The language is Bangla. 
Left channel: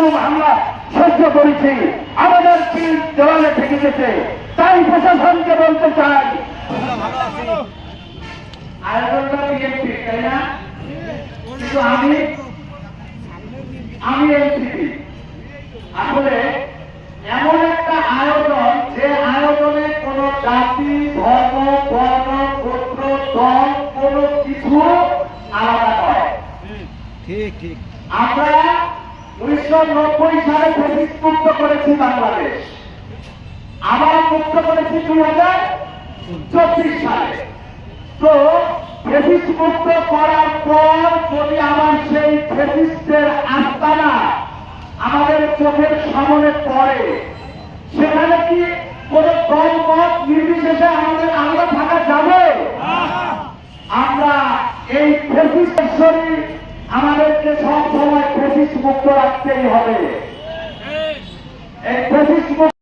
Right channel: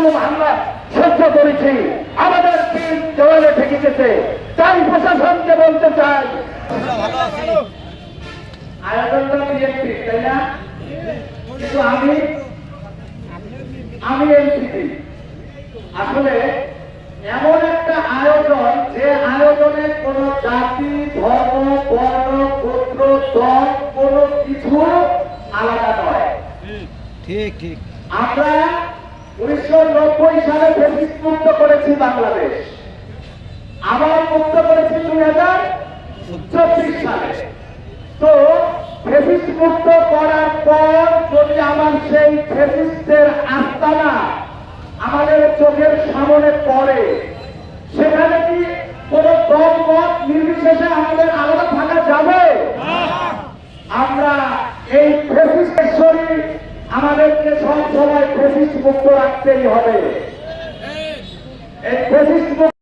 জুলুম হামলা সহ্য করেছি, আমাদের দিন জলে থেকে গেছে। তাই প্রশাসনকে বলতে চাই, আয়োজনটা বিএনপি, তাই না? কিন্তু আমি এমপি। আসলে এমন একটা আয়োজন, যে আয়োজনে কোন জাতি, ধর্ম, বর্ণ, গোত্র, দল কোন কিছু আলাদা নয়। ঠিক ঠিক। আমরা 1990 সালে ফ্যাসিস্ট মুক্ত করেছি বাংলাদেশ, আবার মুক্ত করেছি 2024 সালে। তো ফ্যাসিস্ট মুক্ত করার পর যদি আমার সেই ফ্যাসিস্টের আস্তানা আমাদের চোখের সামনে পড়ে, সেখানে কি কোন দল মত নির্বিশেষে আমাদের আলাদা থাকা যাবে? আমরা এই ফ্যাসিস্টের শরীর আমাদেরকে সব সময় ফ্যাসিস্ট মুক্ত রাখতেই হবে। এই ফ্যাসিস্ট